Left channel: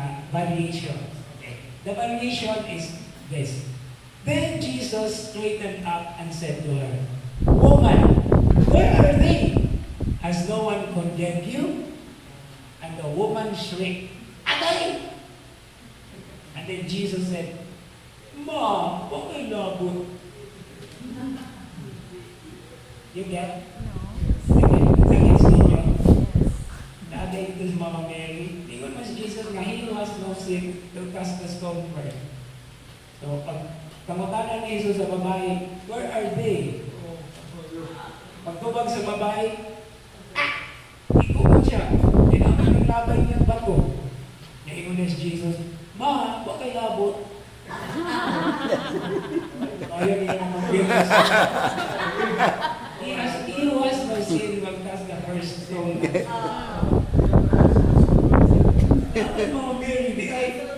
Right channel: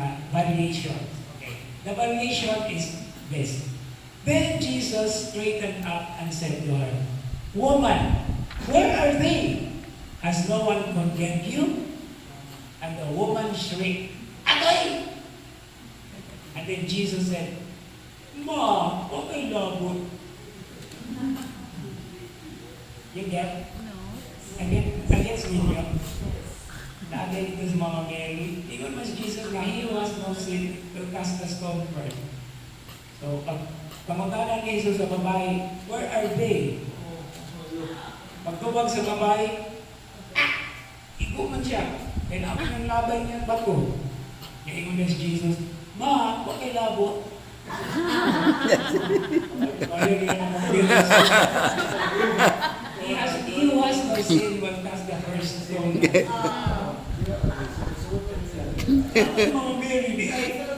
na variation. Okay. The variation is this. Then Jesus straightened up and said to her, "Woman, where are they? Has no one condemned you?" And the woman shrieked, "Agay!" And then Jesus said, "Ma, okay labot." You get? No. Against ninyo. Naagay ito si Mama Mary. Ingon mas Jesus nga, he who has no sin will cast the stone first. So, pag kamutanan ni Jesus sa babae, where are they? Pagtubag sa babae, ikuman siya. Kailangan ng laban niyang bato. Ingon na si Jesus, "Ma, bakit labot?" Ayaw niya naman mag-bilis. He who has no sin will cast the first stone. Mama Mary, di ay.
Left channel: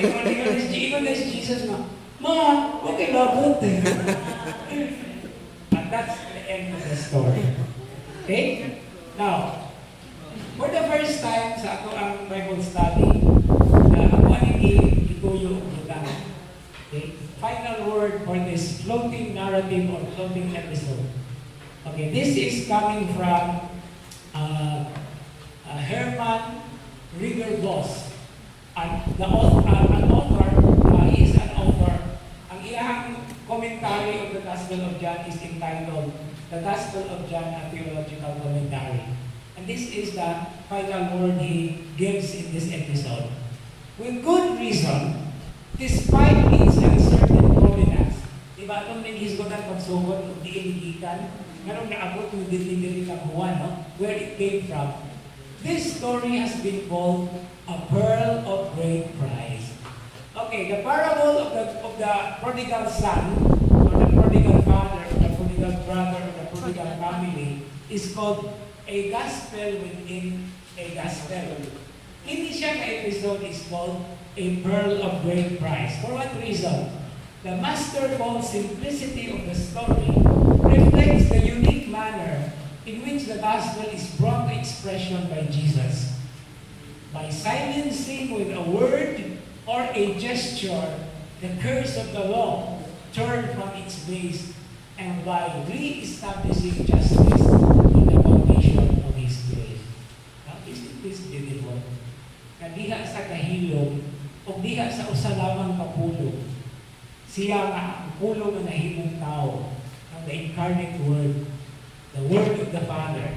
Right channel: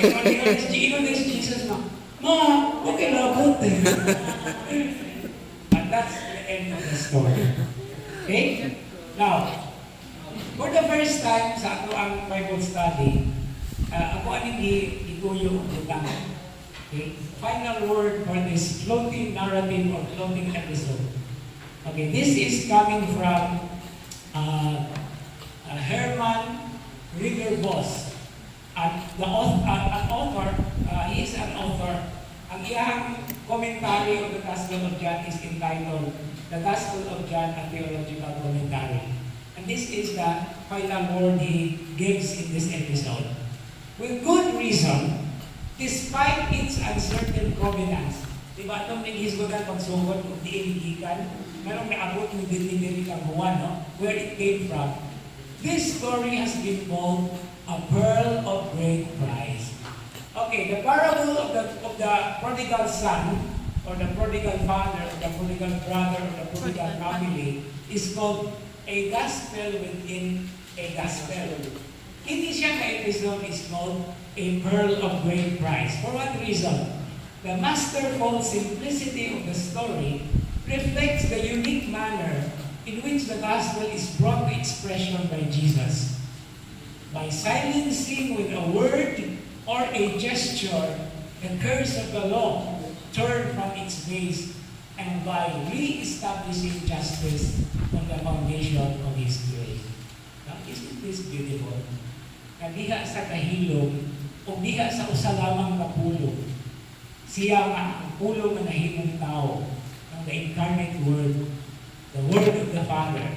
Ingon na si Jesus na, "Ma, bakit labot?" And that's the end of the story. Okay? Now, for the first time sa ato ang Bible study, ako ang ituyo ang butang. Okay? Final word for this floating narrative or floating episode. Okay, this is coming from Herman Ridderbos. An author, he is an author. Ang iyang commentary of the Gospel of John is entitled The Gospel of John, a Theological Commentary. And this is the final word he gives in this episode. With good reason, despite its uncertain provenance, diba, nung naghisgotan pagsugod o diinigikan, merong naabot ng dili kang buwan, no? Where it came from. This story has been called a pearl of great price. Okay, the parable of the prodigal son, or the prodigal father, or the prodigal brother, or the prodigal family, is called a gospel within a gospel. Hindi siya ka-episode is called a pearl of great price. For what reason? The masterful simplicity of the story reflects the unique manner in which the gospel is brought to expression by Jesus. By silencing with a word or a gesture the curse of the law turned from its base, and by re-establishing justice on the foundation of His grace. Now, isn't this beautiful? Na diha sa kahilom o diha sa usa lamang kapulong, siya nga ang pulong na nahimong tao ng the incarnate Word, the Word of the Father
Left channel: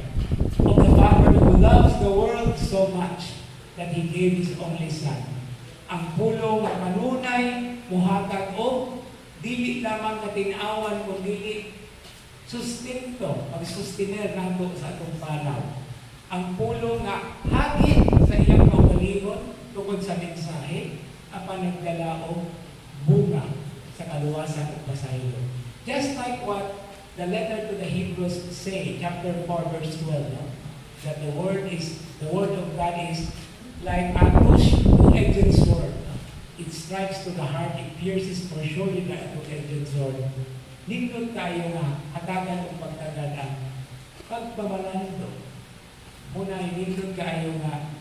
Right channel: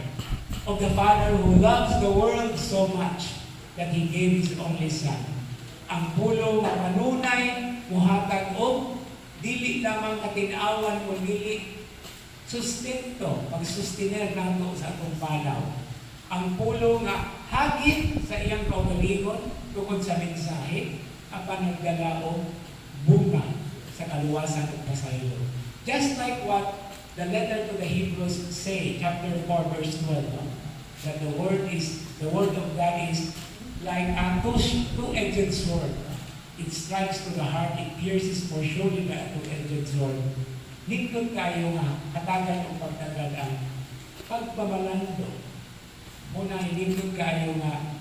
who loves the world so much that He gave His only Son. Ang pulong na kanunay, muhatag o dili lamang katinawan o dili sustento, pag-sustiner nato sa atong panaw. Ang pulong nga hagit sa iyang kaugalingon tungkol sa mensahe, apan nagdalaong bunga sa kaluwasan at pasaylo. Just like what the letter to the Hebrews say, chapter 4, verse 12, no? That the word of God is like a two-edged sword. It strikes to the heart, it pierces for surely the two-edged sword. Nindot kayo nga, hatagan o pagtagad ang pagpamalando. Muna, nindot kayo nga,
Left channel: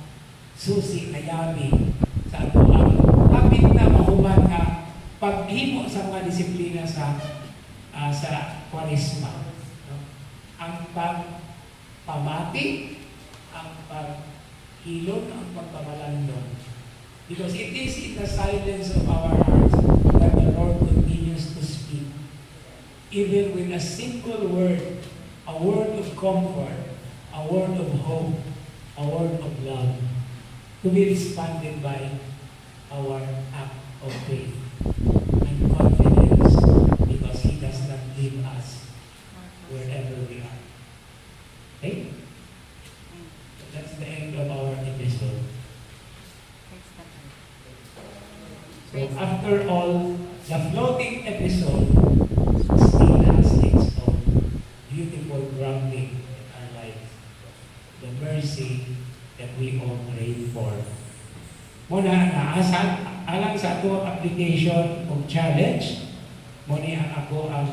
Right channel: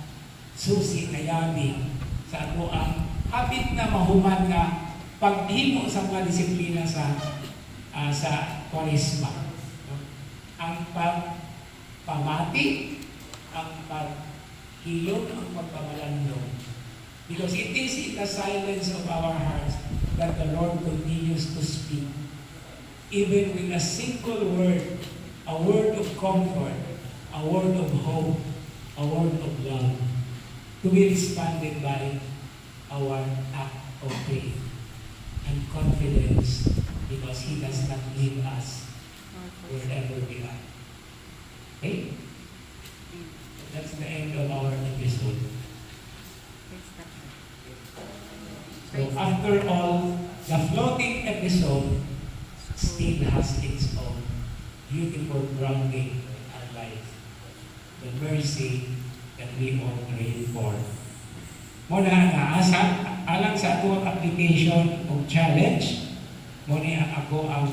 susi kayabi sa ato ang habit na mahuman nga paghimo sa mga disiplina sa Kwaresma. Ang pagpamati, ang paghilom, ang pagpamalandong. Because it is in the silence of our hearts that the Lord continues to speak. Even with a simple word, a word of comfort, a word of hope, a word of love, to be responded by our act of faith and confidence, because He does not leave us wherever we are. Okay? That's the end of our episode. So after all, the floating episode still has its own beautiful grounding in our life. The mercy that we all crave for. Muna na alang sa ato application o challenge, muna ang ako ang